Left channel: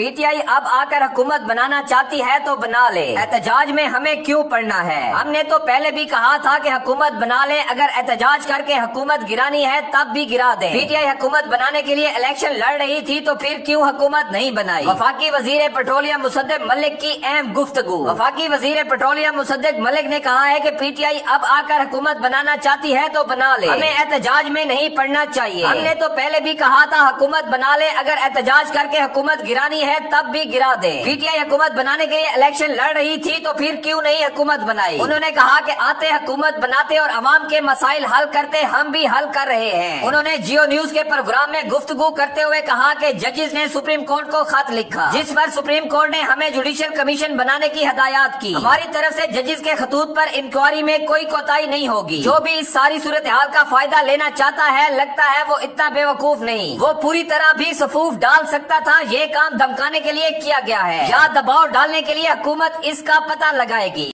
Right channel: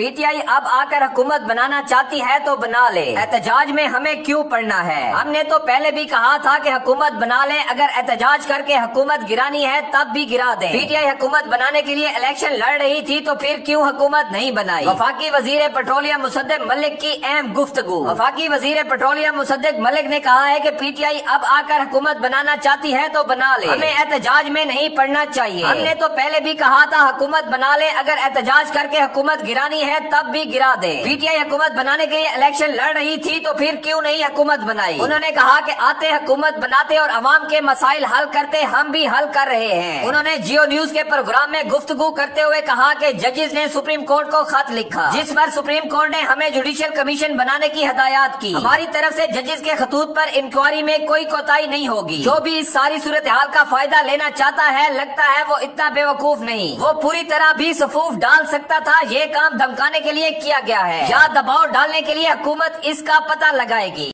P T I अब आकर हुकूमत बनाना चाहती है तो बना ले, एहतजाज में हमें क्यों पड़ना है। हमने तो पहले भी कहा था कि हुकूमत बना ले, अगर एहतजाज करके हुकूमत गिरानी है तब भी गिरा दे। पी टी आई हुकूमत बनाने के लिए इलेक्शन लड़ रही थी तो फिर क्यों हुकूमत नहीं बनाई। वफाकी वजीर पेट्रोलियम मुसद्दिक मलिक की अहम गुफ्तगू। वफाकी वजीर पेट्रोलियम मुसद्दिक मलिक ने कहा है कि पी टी आई अब आकर हुकूमत बनाना चाहती है तो बना ले, हमें एहतजाज में नहीं पड़ना चाहिए। हमने तो पहले भी कहा था हुकूमत बना ले, अगर एहतजाज करके हुकूमत गिरानी है तब भी गिरा दे। पी टी आई हुकूमत बनाने के लिए इलेक्शन लड़ रही थी तो फिर क्यों नहीं हुकूमत बनाई। उन्होंने कहा कि आते हुकूमत बनाते और अवाम के मसाइल हल करते, हम भी हल कर रहे हैं। उन्होंने जियो न्यूज के प्रोग्राम में गुफ्तगू करते हुए कहा कि जजेस ने सुप्रीम कोर्ट को खत लिखा, जिस पर सुप्रीम कोर्ट ने हमें जुडिशियल कमीशन बनाने की हदायत की। हमारी तरफ से जजेस के खतूत पर इंक्वायरी में कोई कोताही नहीं होगी। जो भी इस सारी सूरत हाल का फायदा लेना चाहता है, लगता है वो इतना बेवकूफ नहीं, वो पूरी तरह भी सफूफ डाल सकता था। ये काम धमकाने के लिए किया गया है या दबाव डालने के लिए हुकूमत इसका पता लगाएगी।